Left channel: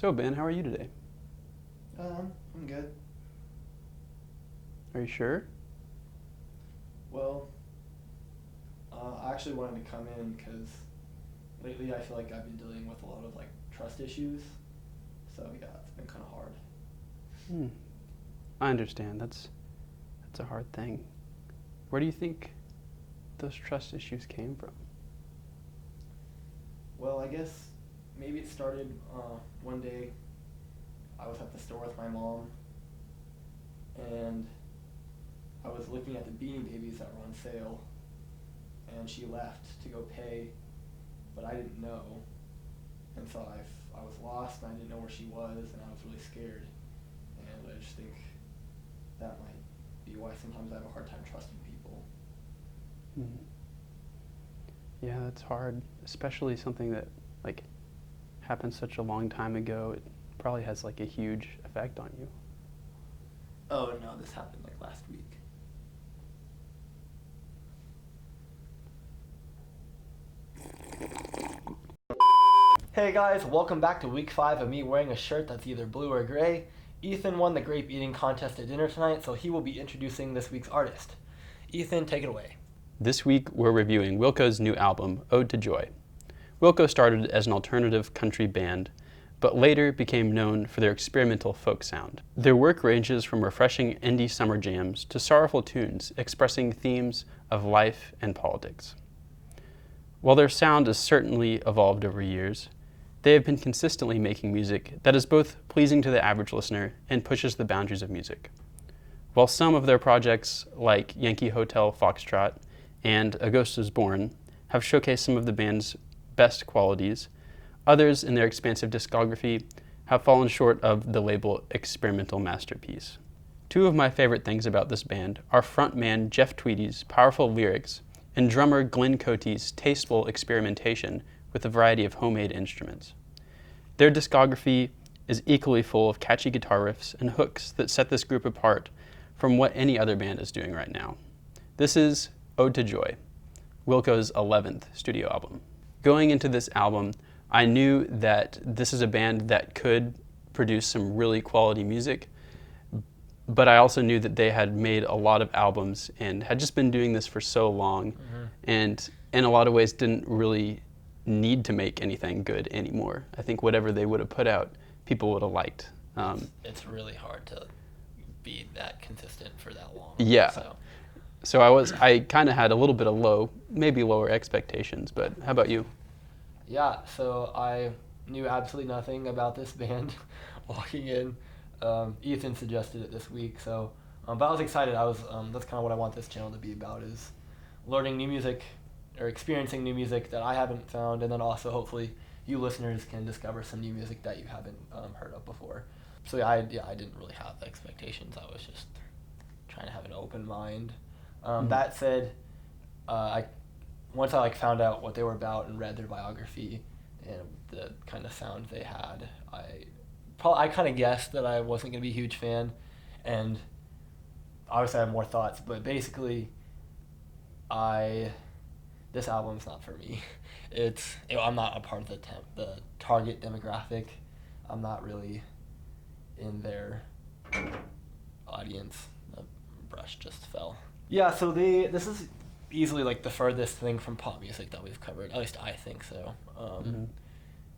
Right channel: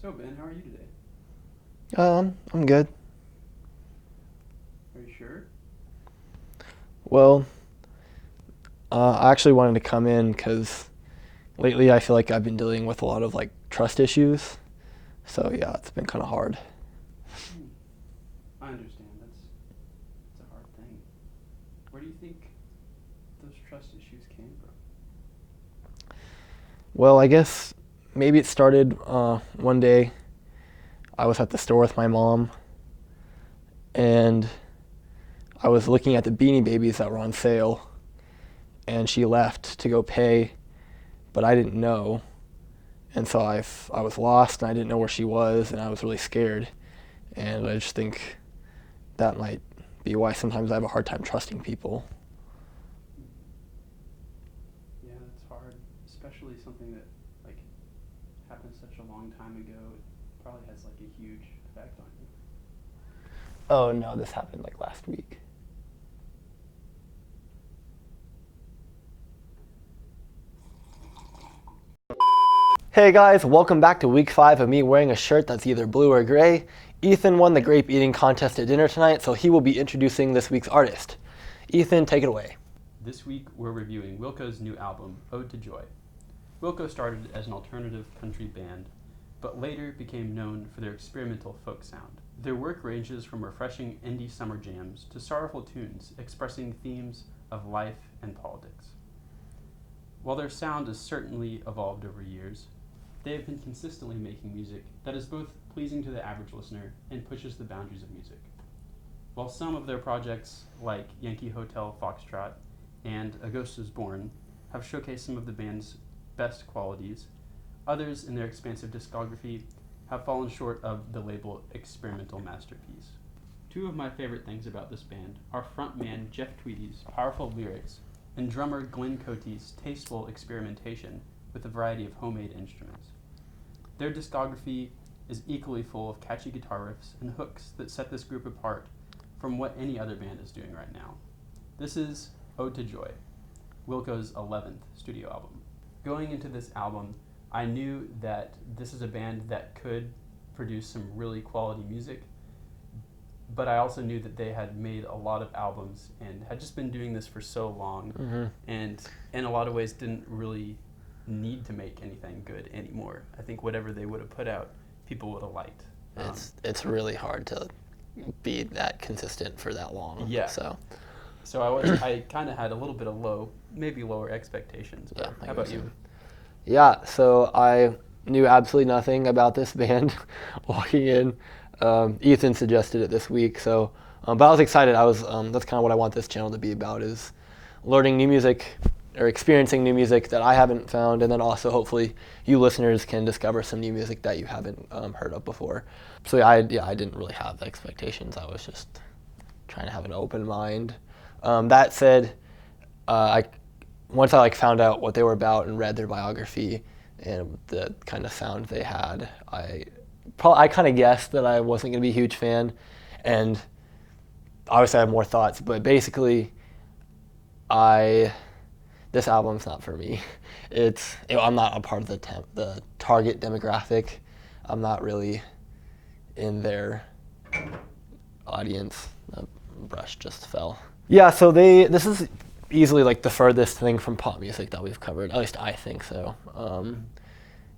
So Ben, how are you today? I'm good. Are you sure? Well, I actually wanted to come in because lately I feel like I've been dealing with a lot of like trust issues. So yeah, it's been kind of hard. Hmm. I understand. That's a hard thing. Where do you think those trust issues came from? Well, I guess maybe it started one day I was at the store with my mom and I was looking at the Beanie Babies that were on sale and she left to go pay, but I didn't know. And so I was lost and I didn't know where she was and I was really scared. And I just think that might be why sometimes I have a hard time trusting people. Hmm. Yeah, that's hard, especially something that like happened such a long time ago. It probably has like a huge effect on you. Oh no, this happened like last week. Hey guys, welcome back to week 5 of me wearing a shirt that's either blue or gray. Ethan won the grape eating contest at dinner tonight, so he will be introducing this week's artist. Ethan, take it away. This week we're reviewing Wilco's new album, Ode to Joy. Wilco started as an alternative country band, but later became known for their experimental folk sound. Their work ranges from refreshing indie summer jams to sorrowful tunes expressing themes of life and politics. While their sound has certainly evolved over years, they have been consistently making music that is both pleasing to the average listener and pushes the boundaries of music. While some of their projects, like Yankee Hotel Foxtrot and A Ghost is Born, have showcased some of the band's best qualities, others in their expansive discography have fallen short of the label experimental masterpiece. Two of my favorite things about this band are frontman Jeff Tweedy's powerful lyrics and drummer Glenn Cote's tasteful experimentation with a variety of homemade instruments. Their discography is equally full of catchy guitar riffs and hooks that set this group apart from what any other band is doing right now. This is Ode to Joy, Wilco's 11th studio album. Going into this album, I knew that this is a band that could produce some really quality music, but I also knew that they had made a lot of albums and had just been doing this for so long, and in a lot of ways didn't really need to make anything good anymore. I think whatever they would have put out, people would have liked. It's really hard to be that consistent for that long. Yeah. So I kind of had a little bit of maybe lower expectations, but how about you? Yeah, so I knew absolutely nothing about this band walking in. Ethan suggested it this week, so but I was excited. That's kind of what I want this channel to be about, is learning new music or experiencing new music that I haven't found, and then also hopefully you listeners can discover some new music that you haven't heard of before. So I didn't really have expectations. I was just trying to have an open mind. That said, once I found out what they were about and read their biography and the kind of sound they had, I kind of guessed that I wasn't going to be a huge fan, and obviously I have more thoughts, but basically this album's not for me. I'm not a part of the target demographic. I'm not really in their audience. The brush just fell. Yeah, so this is easily the furthest thing from pop music that we've covered. At least I think so. And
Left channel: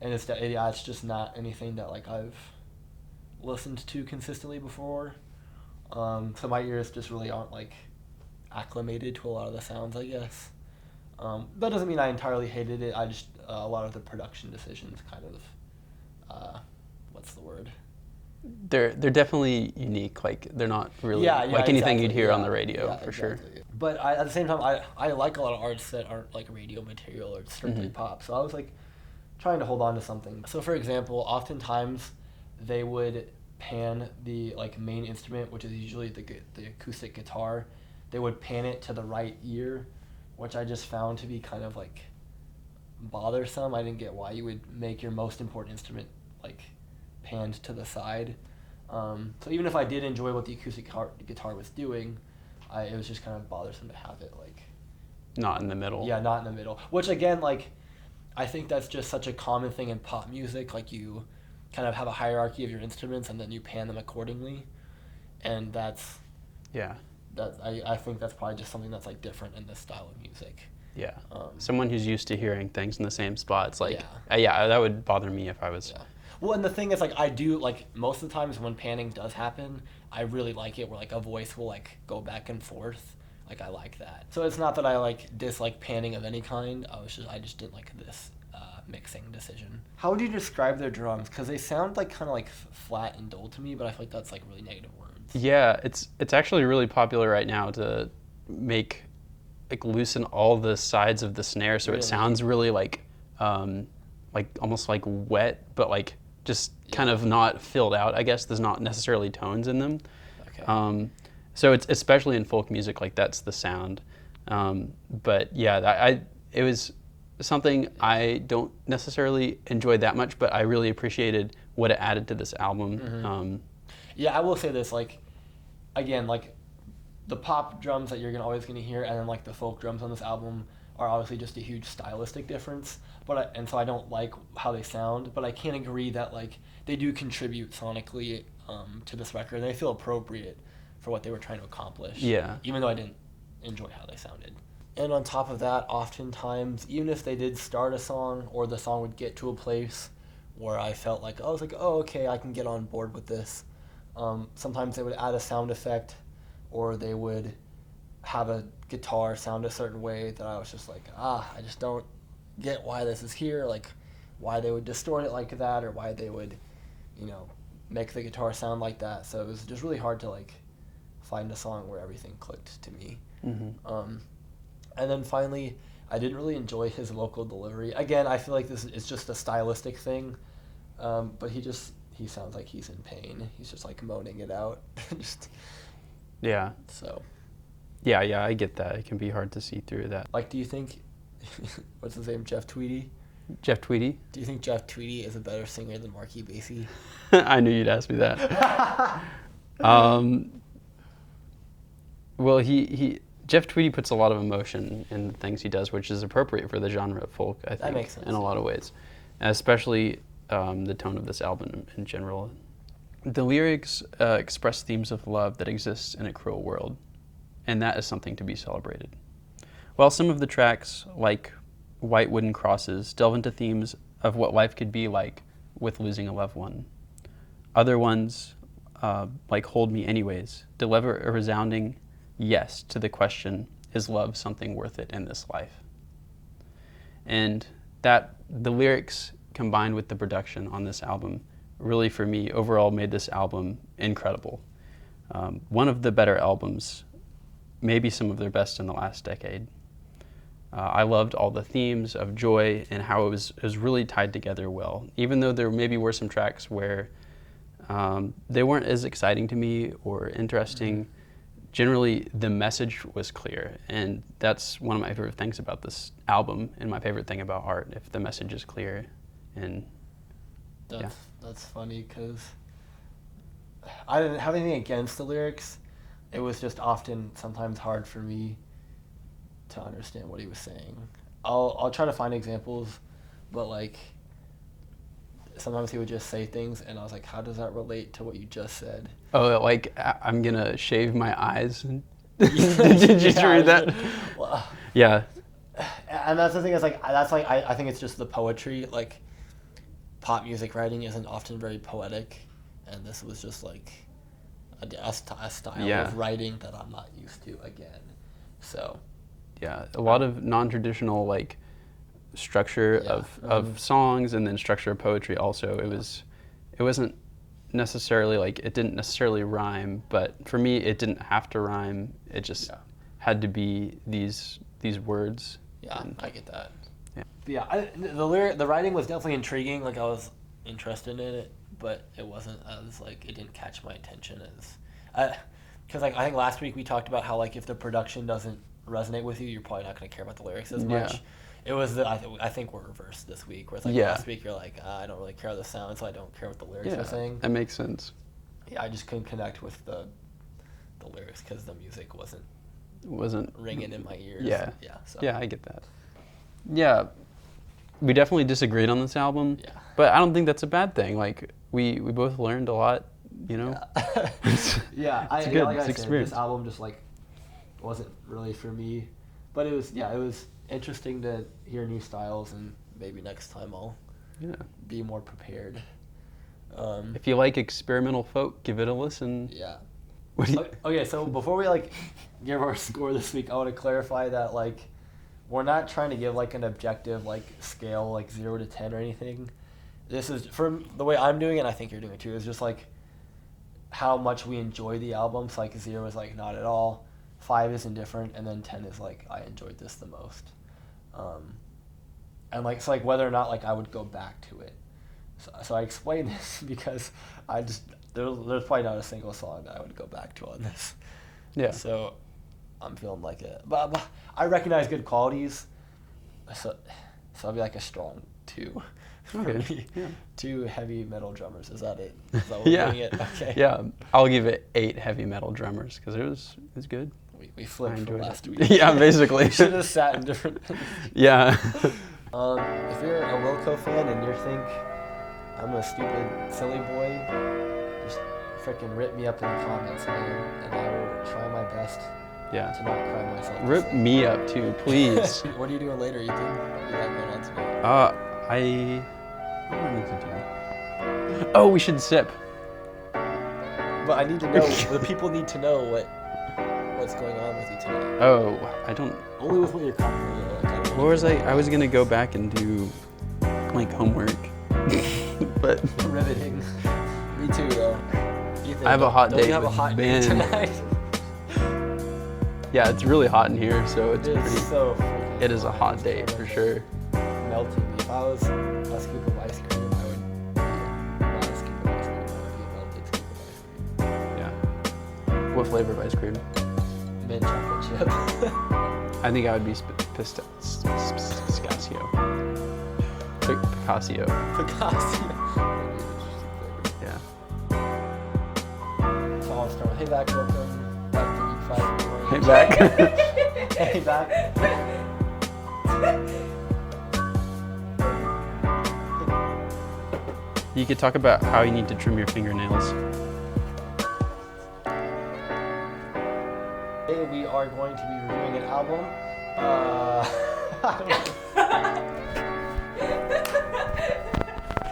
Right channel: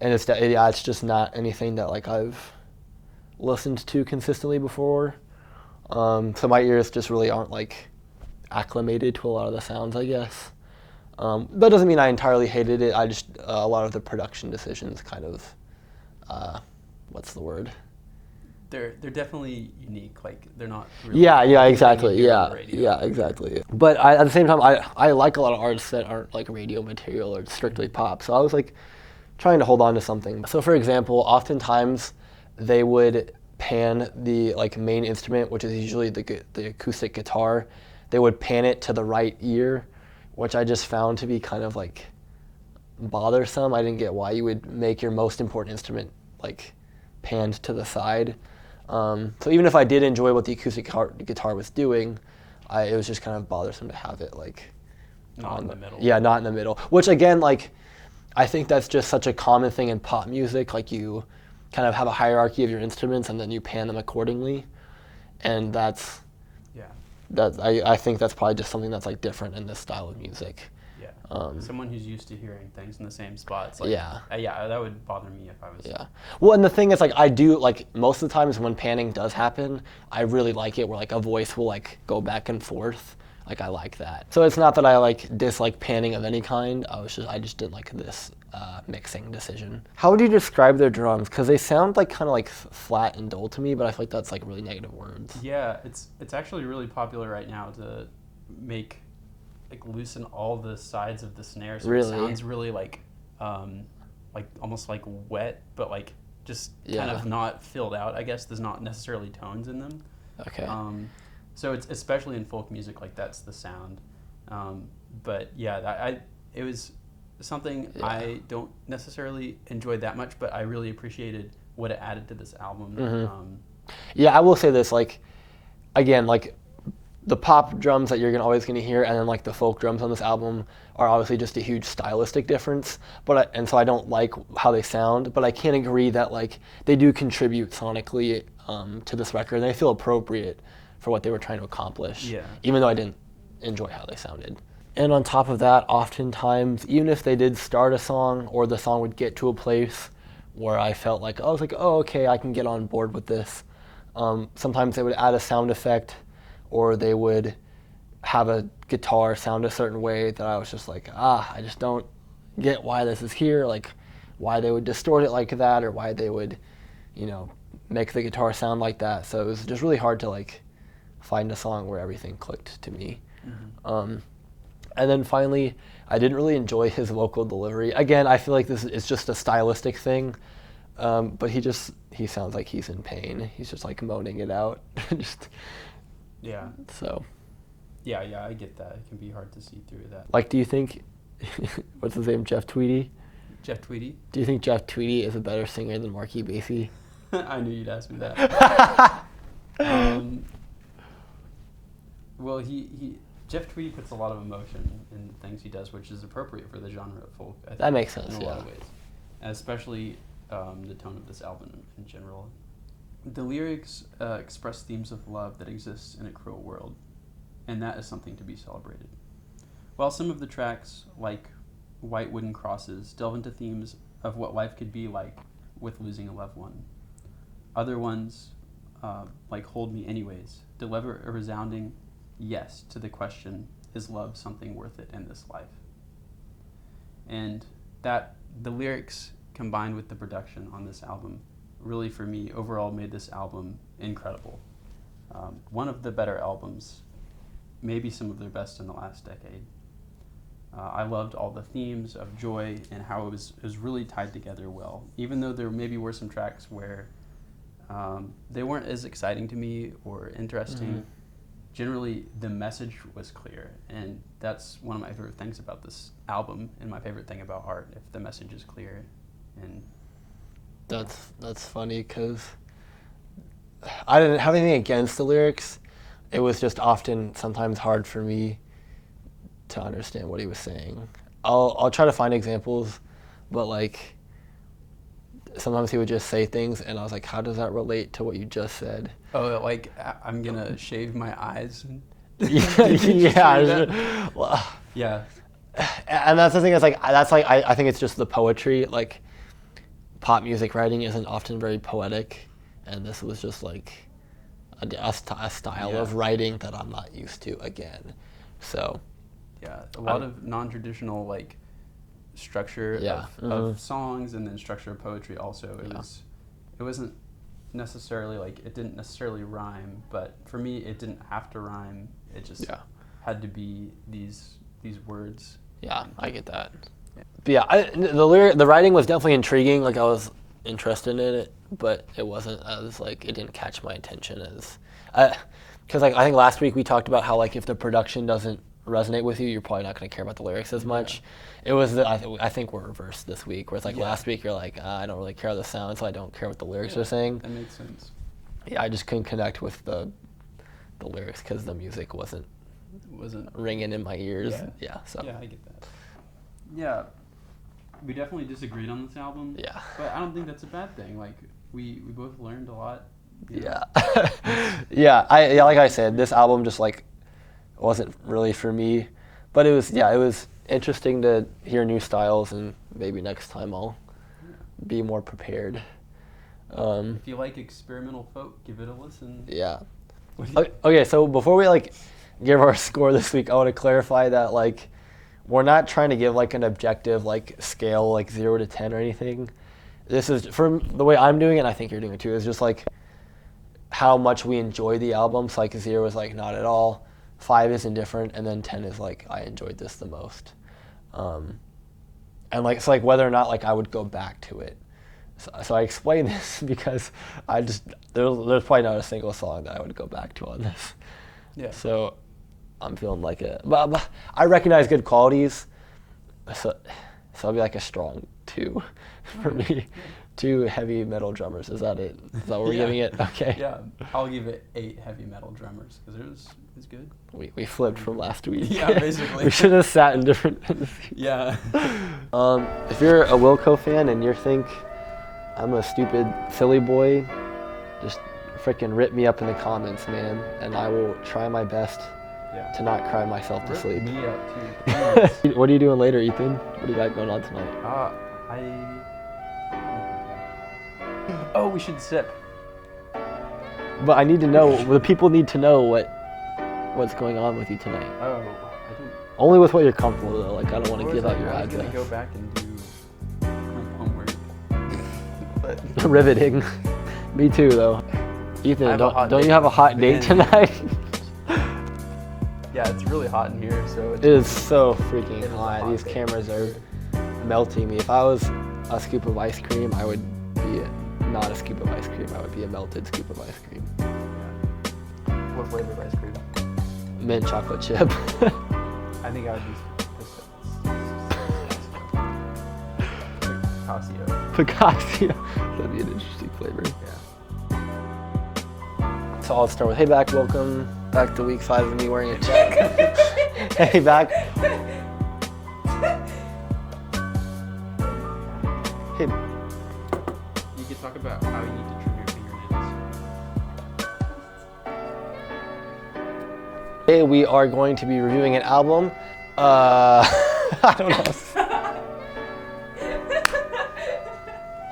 it's just not anything that I've listened to consistently before. So my ears just really aren't acclimated to a lot of the sounds, I guess. That doesn't mean I entirely hated it. I just a lot of the production decisions kind of what's the word? They're definitely unique. They're not really Exactly. You hear on the radio. Yeah, exactly. Sure. But at the same time, I like a lot of artists that aren't radio material or strictly pop. So I was trying to hold on to something. So for example, oftentimes they would pan the main instrument, which is usually the acoustic guitar. They would pan it to the right ear, which I just found to be kind of bothersome. I didn't get why you would make your most important instrument panned to the side. So even if I did enjoy what the acoustic guitar was doing, it was just kind of bothersome to have it not in the middle. Yeah, not in the middle. Which again, I think that's just such a common thing in pop music. You kind of have a hierarchy of your instruments and then you pan them accordingly, and that's Yeah. I think that's probably just something that's like different in this style of music. Yeah. Someone who's used to hearing things in the same spots, like Yeah. Yeah, that would bother me if I was. Yeah. Well, and the thing is, like, I do, like, most of the times when panning does happen, I really like it where, like, a voice will, like, go back and forth. Like, I like that. So it's not that I, like, dislike panning of any kind. I just didn't like this mixing decision. How would you describe their drums? Because they sound, like, kind of, like, flat and dull to me, but I feel like that's, like, really negative words. Yeah, it's actually really popular right now to loosen all the sides of the snare so Really? it sounds really like almost like wet, but like just kind of not filled out. I guess there's not necessarily tones in them. Okay. So it's especially in folk music, like that's the sound. But yeah, it was something I don't necessarily enjoy that much, but I really appreciated what it added to this album. Yeah, I will say this, like, again, like, the pop drums that you're always going to hear, and then like the folk drums on this album are obviously just a huge stylistic difference. And so I don't like how they sound, but I can agree that like they do contribute sonically to this record, and they feel appropriate for what they were trying to accomplish. Yeah. Even though I didn't enjoy how they sounded. And on top of that, oftentimes, even if they did start a song or the song would get to a place where I felt like, I was like, oh, okay, I can get on board with this. Sometimes they would add a sound effect, or they would have a guitar sound a certain way that I was just like, I just don't get why this is here, like why they would distort it like that, or why they would, make the guitar sound like that. So it was just really hard to like find a song where everything clicked to me. And then finally, I didn't really enjoy his vocal delivery. Again, I feel like this is just a stylistic thing, but he sounds like he's in pain. He's just like moaning it out. Yeah. So. Yeah, I get that. It can be hard to see through that. Like, do you think, what's his name, Jeff Tweedy? Jeff Tweedy? Do you think Jeff Tweedy is a better singer than Marky Basie? I knew you'd ask me that. Well, Jeff Tweedy puts a lot of emotion in the things he does, which is appropriate for the genre of folk, I think. That makes sense, in a lot of ways, especially the tone of this album in general. The lyrics express themes of love that exists in a cruel world, and that is something to be celebrated. While some of the tracks, like White Wooden Crosses, delve into themes of what life could be like with losing a loved one, other ones, like Hold Me Anyways, deliver a resounding yes to the question, is love something worth it in this life? And that the lyrics combined with the production on this album really, for me, overall made this album incredible. One of the better albums, maybe some of their best in the last decade. I loved all the themes of joy and how it was really tied together well. Even though there maybe were some tracks where they weren't as exciting to me or interesting, generally the message was clear. And that's one of my favorite things about this album, and my favorite thing about art, if the message is clear. And That's funny, because I didn't have anything against the lyrics. It was just often sometimes hard for me to understand what he was saying. I'll try to find examples, but like sometimes he would just say things and I was like, how does that relate to what you just said? Oh, like I'm gonna shave my eyes. Did you read that? Well, yeah. And that's the thing, I think it's just the poetry. Like, pop music writing isn't often very poetic, and this was just like a style of writing that I'm not used to again. So yeah, a lot of non-traditional like structure of songs, and then structure of poetry also. It wasn't necessarily like, it didn't necessarily rhyme, but for me it didn't have to rhyme. It just had to be these words. Yeah, I get that. Yeah. But yeah, the writing was definitely intriguing. Like, I was interested in it, but it wasn't as like, it didn't catch my attention as, because like I think last week we talked about how like if the production doesn't resonate with you, you're probably not going to care about the lyrics as much. It was I think we're reversed this week, where it's like last week you're like, I don't really care how the sound, so I don't care what the lyrics are saying. That makes sense. Yeah, I just couldn't connect with the lyrics because the music wasn't ringing in my ears. So. Yeah, I get that. Yeah, we definitely disagreed on this album. Yeah. But I don't think that's a bad thing. Like, we both learned a lot, you know? Yeah. Yeah, like I said, experience. this album just like wasn't really for me. But it was interesting to hear new styles, and maybe next time I'll be more prepared. If you like experimental folk, give it a listen. Yeah. What do you- Okay, so before we like give our score this week, I want to clarify that like we're not trying to give like an objective like scale like 0 to 10 or anything. This is from the way I'm doing it, and I think you're doing it too, is just like how much we enjoy the album. So like 0 is like not at all, 5 is indifferent, and then 10 is like I enjoyed this the most. And like it's like whether or not like I would go back to it. So I explain this because I just there's probably not a single song that I would go back to on this. Yeah. So I'm feeling like it, but I recognize good qualities. So I'll be like a strong 2 for me. Yeah. 2 heavy metal drummers. Is that it? Is that what we're doing it? Okay. Yeah, I'll give it 8 heavy metal drummers because it was good. We flipped from enjoyed it. last week. Yeah, basically. We should have sat in different. Yeah. If you're a Wilco fan and you think I'm a stupid, silly boy, just freaking rip me up in the comments, man, and I will try my best Yeah. to not cry myself to Rip sleep. me up too, please. What are you doing later, Ethan? What do you got going on tonight? What do I need to do? Oh, we should sip. But I need to know. The people need to know what's going on with you tonight. Oh, I don't. Only with what you're comfortable with. Like I don't want to. What was I was gonna go back and do like homework, but riveting. Me too, though. Ethan, I have a hot don't date you have a with hot date Ben. tonight? yeah, it's really hot in here, so It is so freaking It is a hot. hot These date cameras for sure. are melting me. If I was a scoop of ice cream, I would be not a scoop of ice cream. I would be a melted scoop of ice cream. Yeah. What flavor of ice cream? Mint chocolate chip. I think I would be Pistacio. Picasso. That'd be an interesting flavor. Yeah. So I'll start with, hey back, welcome back to week 5 of me wearing a jacket. Hey back. Hey. You could talk about how you need to trim your fingernails. Today we are going to be reviewing an album. I don't know.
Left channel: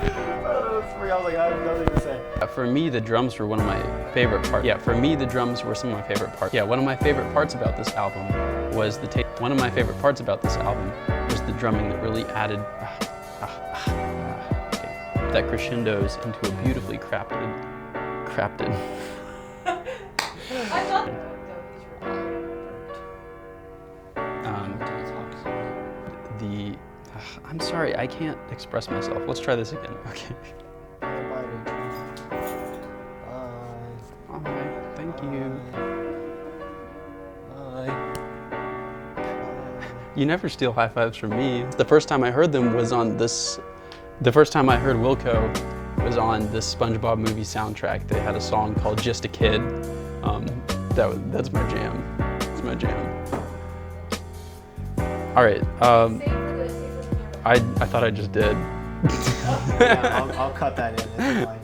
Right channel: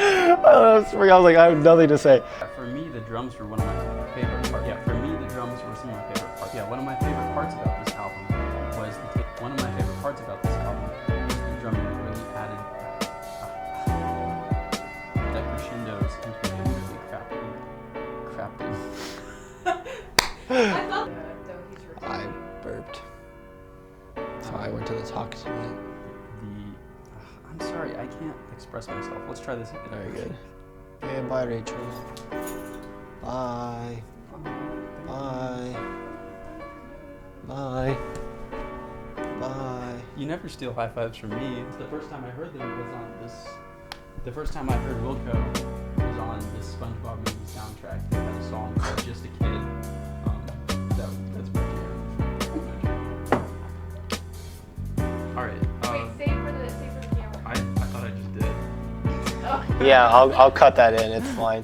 I was like, I have nothing to say. For me, the drums were one of my favorite parts. Yeah, for me, the drums were some of my favorite parts. Yeah, one of my favorite parts about this album was one of my favorite parts about this album was the drumming that really added that crescendos into a beautifully crafted. I thought. I burped. So I went to the talk to I'm sorry, I can't express myself. Let's try this again. Okay. Hey, bye, Rachel. Bye. Bye. Thank you. Bye. Bye. You never steal high fives from me. The first time I heard them was on this. The first time I heard Wilco was on this SpongeBob movie soundtrack. They had a song called "Just a Kid." That's my jam. That's my jam. All right. I thought I just did. Yeah, I'll cut that in. It's fine.